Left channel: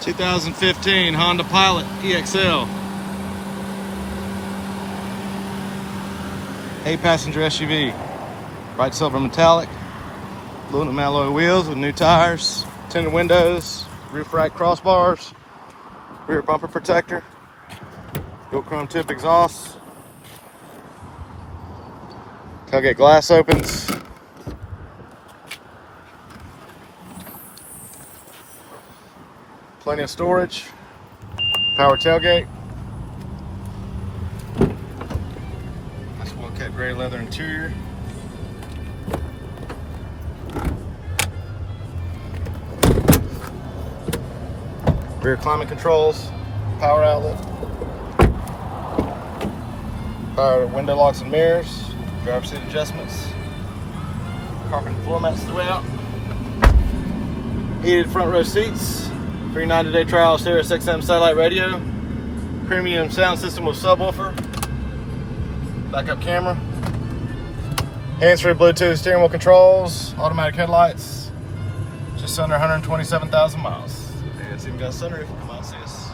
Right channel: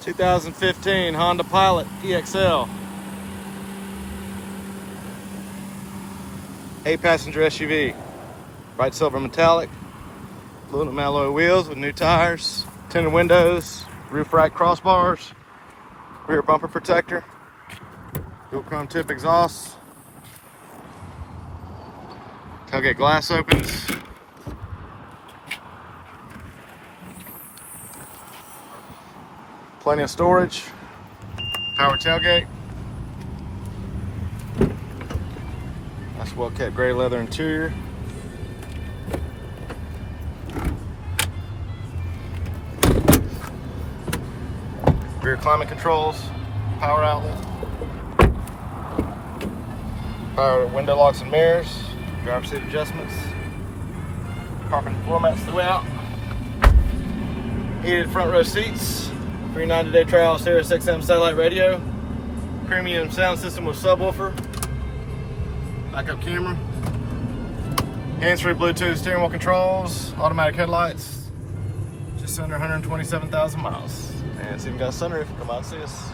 2015 Honda Pilot EXL. 8-passenger SUV. Bright silver metallic. Aluminum alloy wheels with new tires. Tinted windows. Roof rack crossbars. Rear bumper protector. Dual chrome tip exhaust. Tailgate glass opens. Plenty of storage. Power tailgate. Nice well kept gray leather interior. Rear climate controls. Power outlet. Power window locks and mirrors. Driver's seat adjustments. Carpet and floor mats throughout. Heated front row seats. Free 90-day trial Sirius XM satellite radio. Premium sound system with subwoofer. Backup camera. Hands-free Bluetooth steering wheel controls. Automatic headlights. Just under 127,000 miles. And it's even got a sunroof. Come out and see us.